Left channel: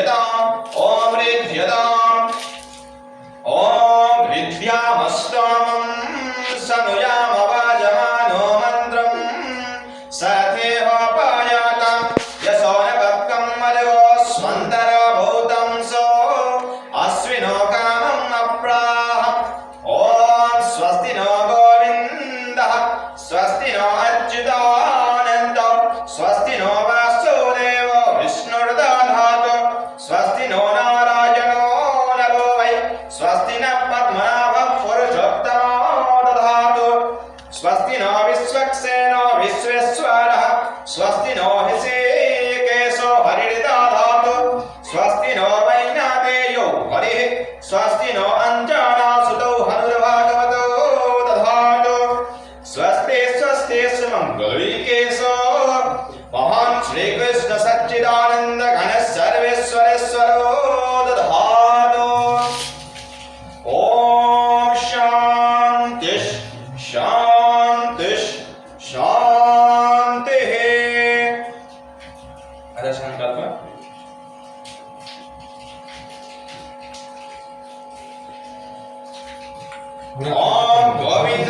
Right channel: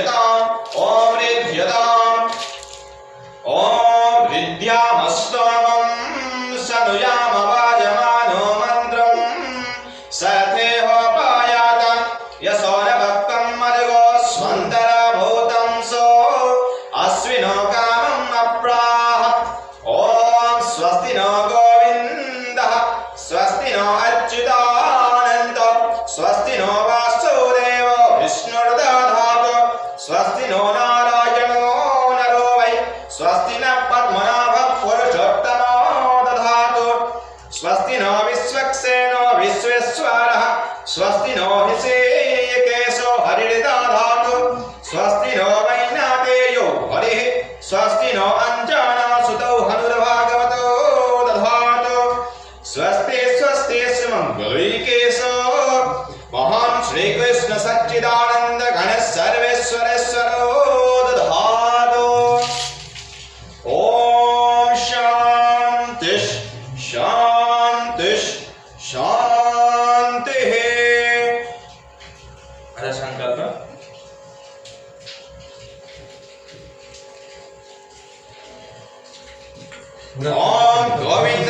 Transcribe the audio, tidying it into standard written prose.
ऋध्यताम् ॐ ऋध्यताम् ॐ ऋद्ध्यामस्तमं सनुयाम वाजमानो मन्त्रं सथेहोपायातं यशो न भक्तं मर्गो स्वन्तरभूतं सो अश्विनो कामम् अप्राह ॐ स्वस्ति नो गोविन्दः स्वस्ति नो अच्युतानन्द स्वस्ति नो वासुदेवो विष्णुर्दधातु स्वस्ति नो नारायणो नरो वै स्वस्ति न पद्मनाभः पुरुषोत्तमो दधातु स्वस्ति नो विश्वक्सेनो विश्वेश्वरः स्वस्ति नो हृषीकेशो हरिर्दधातु स्वस्ति नो वैनातेयो हरिः स्वस्ति नो अञ्जनासुतौ हनुर्भागवतो दधातु स्वस्ति स्वस्ति सुमङ्गलैकेशो महान् श्रीकृष्ण सच्चिदानन्द घन सर्वेश्वरेश्वरो दधातु ॐ शान्ति शान्ति शान्तिः। अथ संकल्प ॐ गोविन्द